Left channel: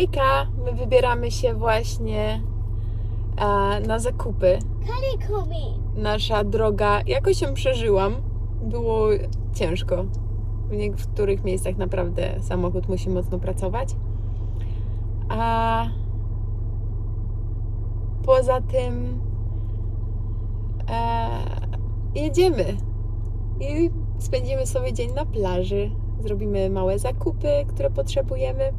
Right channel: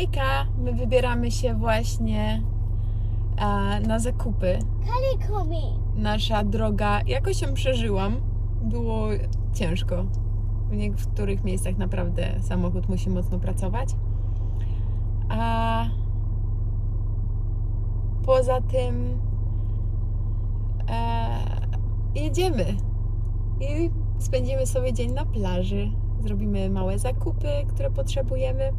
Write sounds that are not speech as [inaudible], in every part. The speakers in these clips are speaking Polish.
Hejka, my wybieramy się właśnie e, na zakupy. Nasza droga, jakoś ją przeżyłam. Było ciężko. W niektórych miejscach naprawdę samochód musi mocno pracować. A poza tym e, jedziemy i spędzimy sobie dzień na plaży. Zrobimy małe zakupy, które potrzebujemy,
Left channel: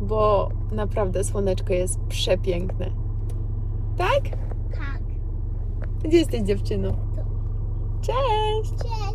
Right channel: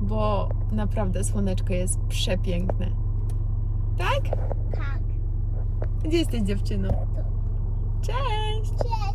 bo naprawdę słoneczko jest przepiękne. Tak? Tak. Gdzie jesteś dziewczyno? Cześć! Cześć.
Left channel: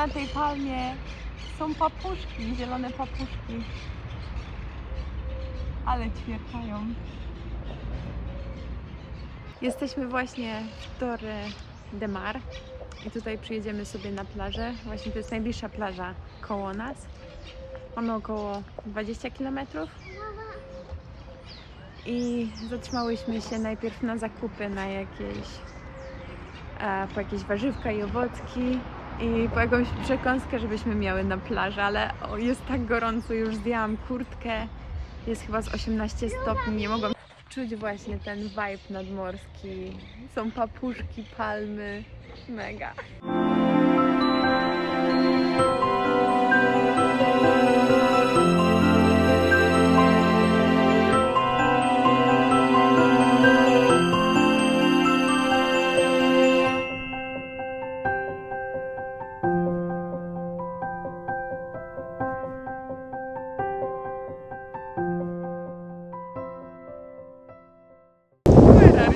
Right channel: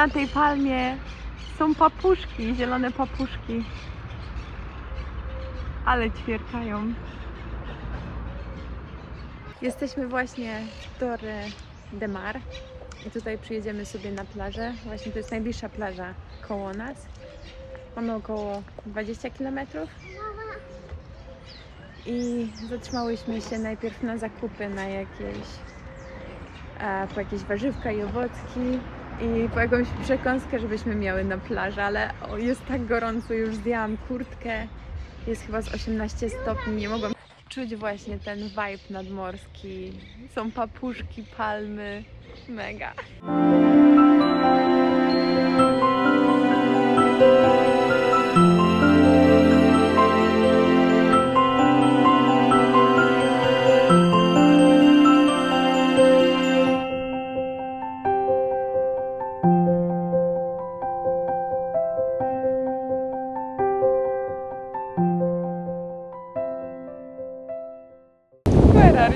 Na tej palmie są papuszki, zielone papuszki. Ale ćwierkają. Jesteśmy właśnie w Torre de Mar i tutaj przyjedziemy sobie na plażę. Właśnie to jest najbliższa plaża koło nas. Mamy około 20 km i zatrzymałyśmy się najpierw na zakupy, na jakieś po jakieś warzywka i owocki i po jakąś przekąskę, żebyśmy miały na plaży, ale o, jest tak gorąco, już zdjęłam kurtkę, jest chyba z 18 stopni, nie mogłam czuć właśnie ten vibe nadmorski. Są papuszki, palmy, mega. Where are?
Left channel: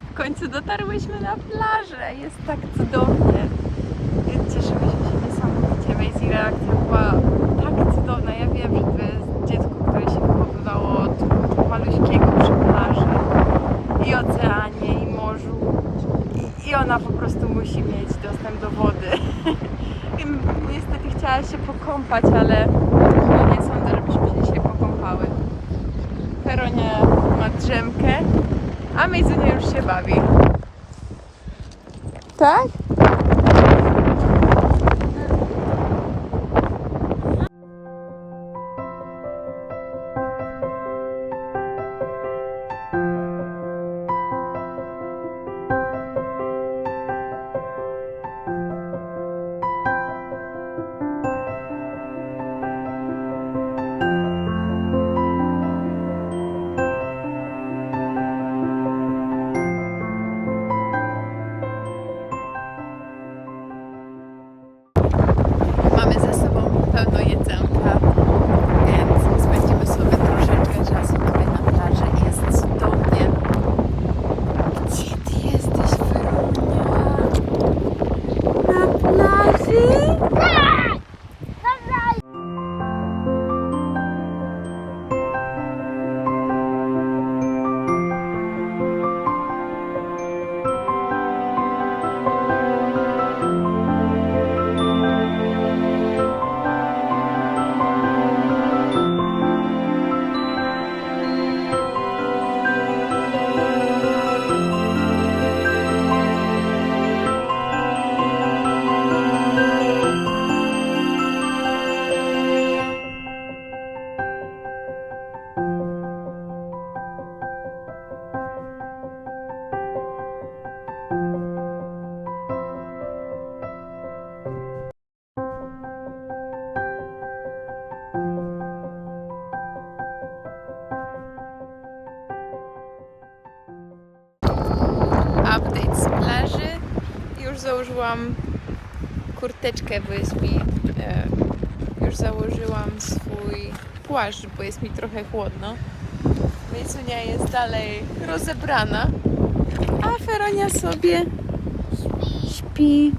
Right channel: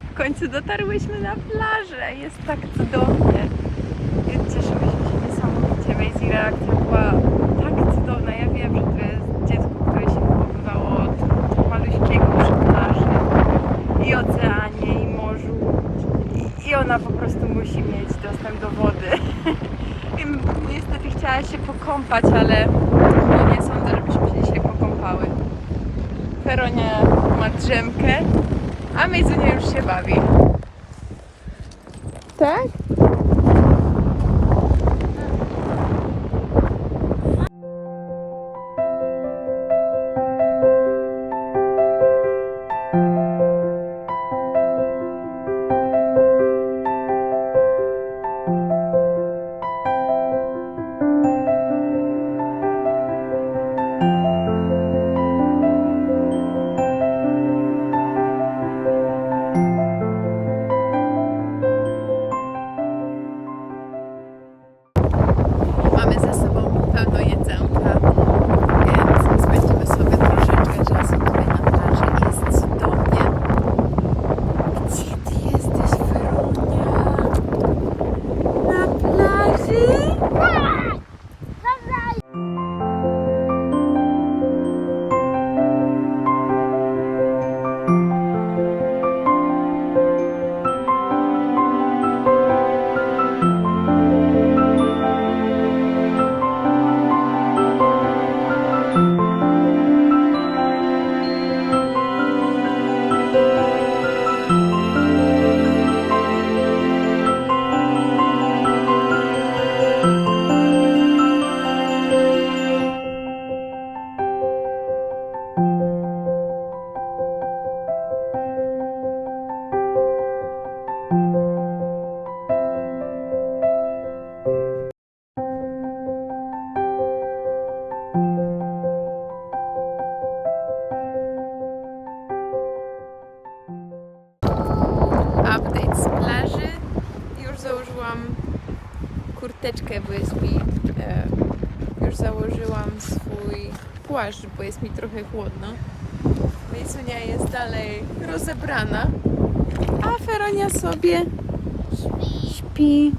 W końcu dotarłyśmy na plażę. Jest tak cudownie. Cieszyłyśmy się niesamowicie. Maisie reakcja była tak cudowna. Ja wiem, że to jest dziecko, które się wychowywało od maluśkiego przy plaży i oceanie, i morzu. I, I ona po prostu musi mieć dostęp do wody. Wiem, niestety pokąpać, ale no nie sądzę, żebyśmy się dzisiaj pokąpały. Feronia ma drzemkę, a Mejzunia już się bawi. Tak? Założyłam kurteczkę BSB. E, już założyłam swój płaszcz, bo jest mi trochę chłodno. Mejsunia jest dalej rozebrana, a Feronia sobie śpi.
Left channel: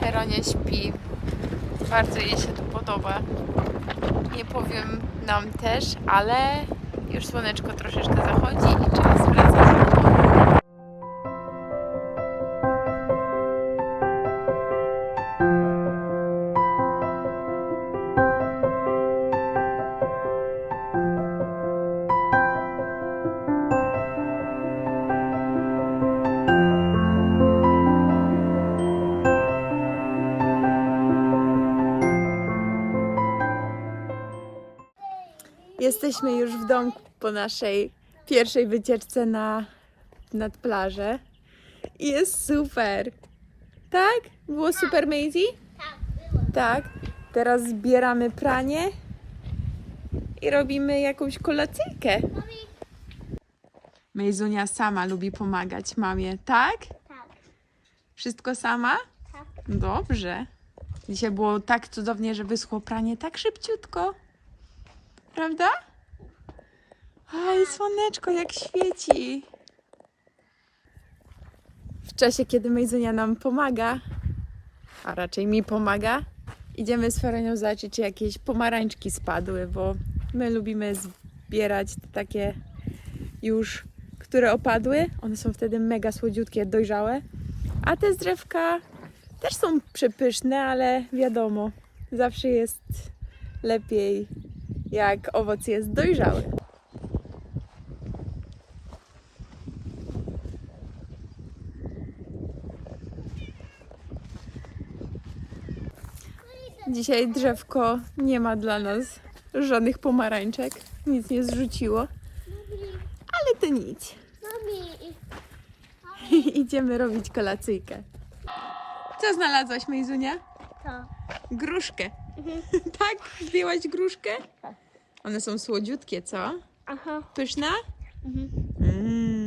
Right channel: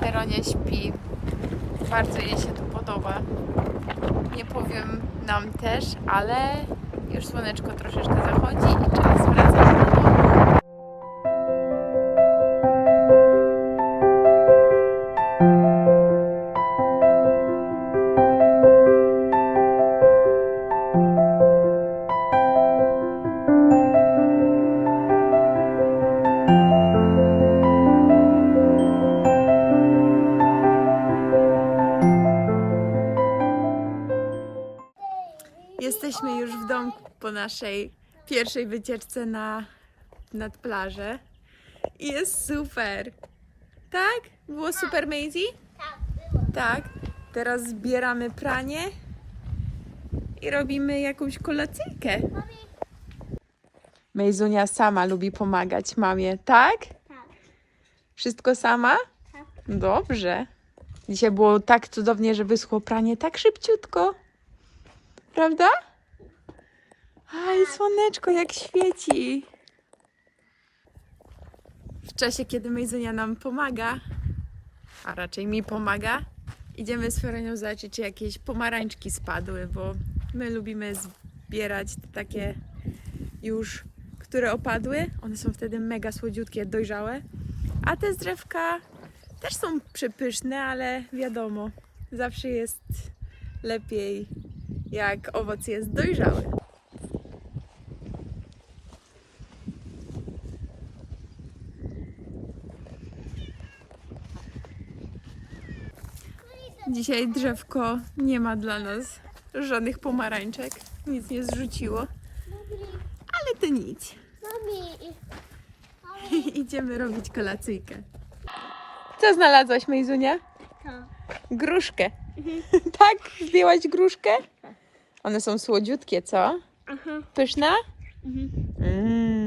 Feronia śpi. Bardzo jej się tu podoba. Nie powiem nam też, ale już słoneczko troszeczkę zachodzi i czas wracać. Jesteśmy już w domku po naszej pierwszej wycieczce na nad plażę. I jest super. Tak? Było super, Maisie? Tak. Teraz zbieramy pranie i robimy jakąś kolacyjkę. Mejzunia sama lubi pomagać mamie, tak? Tak. Wszystko sama? Tak. Dobrze. Dzisiaj było tak cudownie, że wyschło pranie tak szybciutko. Prawda? Aj, słoneczko jak świeci. W czasie, kiedy Mejzunia nam pomaga, a raczej mi pomaga, idziemy z Ferenią zobaczyć, czy jakieś pomarańczki spadły, bo my lubimy zbierać takie już, które opadły. One są wtedy mega słodziutkie, dojrzałe. A te z też są przepyszne, ale wiadomo, zawsze jest lepiej, jak owoc jest dojrzały. Dzisiaj drzewko nie ma dla nas żadnych pomarańczek, nic nie zrzuciło, ale to nic. [laughs] Idziemy robić kolacyjkę. Co znalazłaś, Mejzunia? To. Gruszkę. [laughs] tak? Zdjęłaś gruszkę? One są słodziutkie, co? Aha. Pyszna? Mhm. Mm.